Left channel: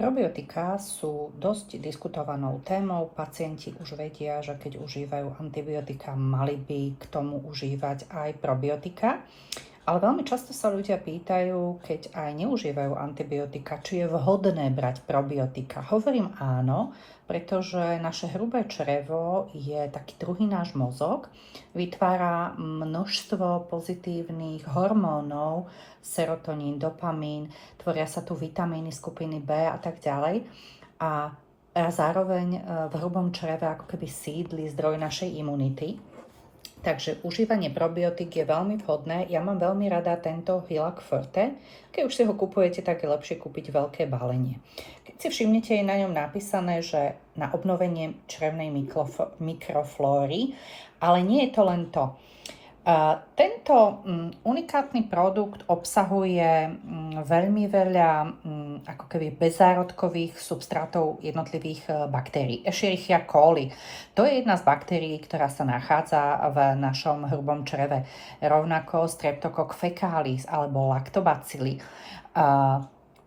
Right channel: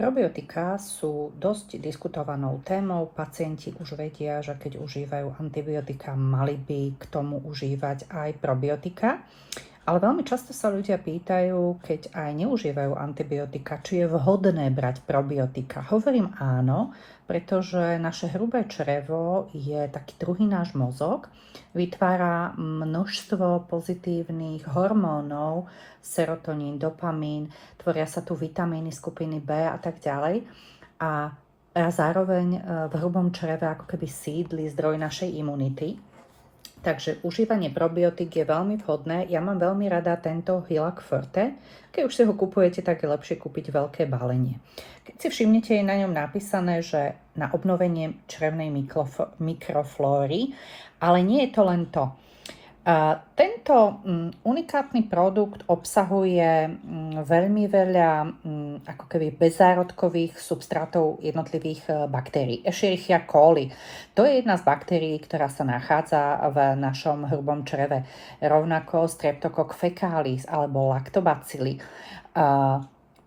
Probiotika sú dosť diskutovanou témou. Pacienti už vedia, že keď užívajú antibiotika, mali by k tomu užívať aj probiotika. Ale veľmi často sa ľudia pýtajú, keď aj neužívajú antibiotika, či je vhodné brať probiotika. Hovorím áno, pretože naše hrubé črevo je taký druhý náš mozog, vytvára množstvo pozitívnych hormónov, serotonín, dopamín, tvoria sa tu vitamíny skupiny B a tak ďalej. A zároveň v hrubom čreve ako keby sídli zdroj našej imunity. Takže užívanie probiotík je veľmi vhodné. Ja mám veľmi rada tento Hylac Forte. Keď už si ho kupujete, tak je lepšie kúpiť veľké balenie. Keď si všimnete, je na ňom napísané, že na obnovenie črevnej mikroflóry, ale nie je to len to. Tento unikátny produkt obsahuje veľmi veľa ako keby bezzárodkových substrátov jednotlivých baktérií. Escherichia coli. To je jedna z baktérií, ktorá sa nachádza v našom hrubom čreve. Rovnako Streptococcus fecalis alebo lactobacilli.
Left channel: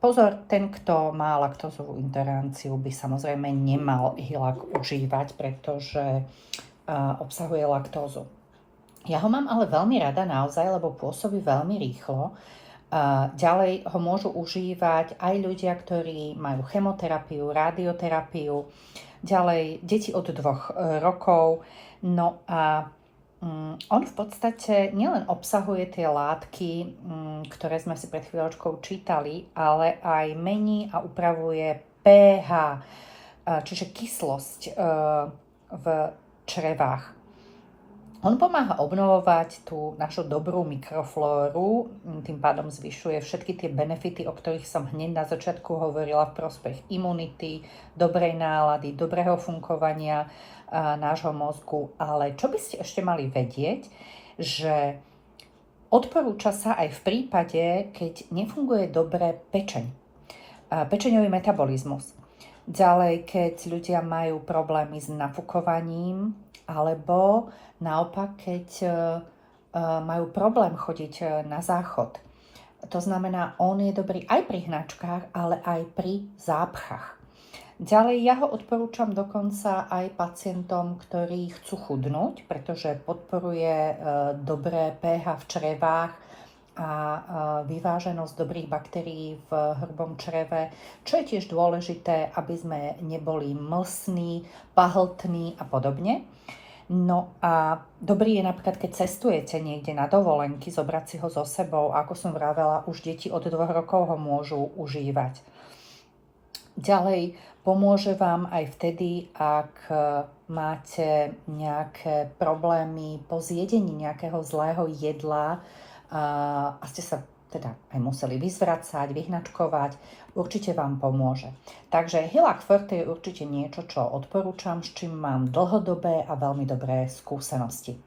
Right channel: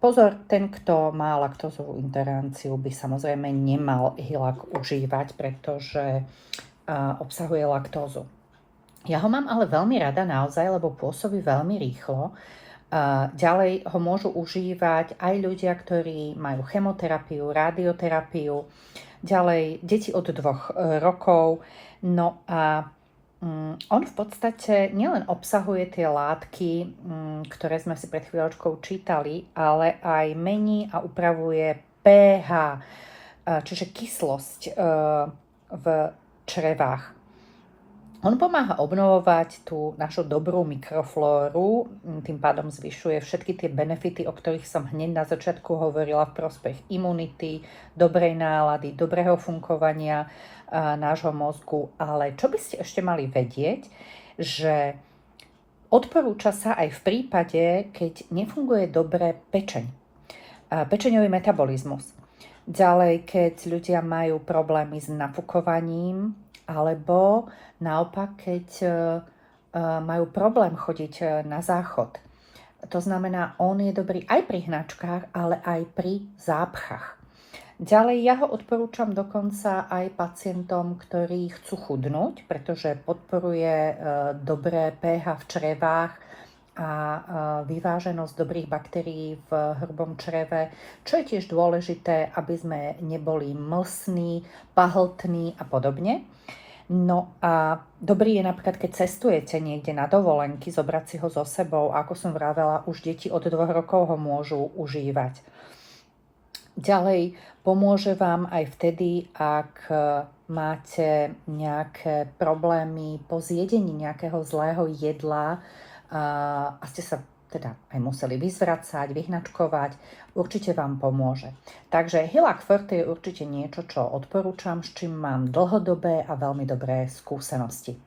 Pozor, ten, kto má laktózovú intoleranciu, by samozrejme nemal Hylac užívať, pretože obsahuje laktózu. Ja ho mám ale veľmi rada naozaj, lebo pôsobí veľmi rýchlo. Ďalej ho môžu užívať aj ľudia, ktorí majú chemoterapiu, radioterapiu, ďalej deti od 2 rokov. No a on v podstate nielen obsahuje tie látky, ktoré sme si pred chvíľočkou čítali, ale aj mení a upravuje pH, čiže kyslosť v črevách. On pomáha obnovovať tú našu dobrú mikroflóru, tým pádom zvyšuje všetky tie benefity, o ktorých som hneď na začiatku hovorila v prospech imunity, dobrej nálady, dobrého fungovania nášho mozgu. Ale čo by ste ešte mali vedieť, že odporúča sa aj v prípade, keď nefunguje dobre pečeň, pečeňový metabolizmus. Ďalej, keď ľudia majú problémy s nafúkovaním, alebo naopak, keď majú problém chodiť na záchod. To znamená, on je dobrý aj pri hnačkách, ale aj pri zápchách. Ďalej, ja ho odporúčam dokonca aj pacientom, ktorí chcú chudnúť, pretože podporuje dobré pH v črevách a vyváženosť dobrých baktérií v hrubom čreve, čo je tiež dôležité, aby sme neboli mlsní, pahltní a podobne. No a dobrý je napríklad, keď cestujete niekde na dovolenky, zobrať si ho so sebou. A ako som vravela, už deti od 2 rokov ho môžu užívať. Ďalej, pomôže vám aj vtedy, ak máte nejaké problémy po zjedení nejakého zlého jedla a ste sa teda aj museli vyzvracať, vyhnačkovať, určite vám pomôže. Takže Hylac Forte je určite niečo, čo odporúčam, s čím mám dlhodobé a veľmi dobré skúsenosti.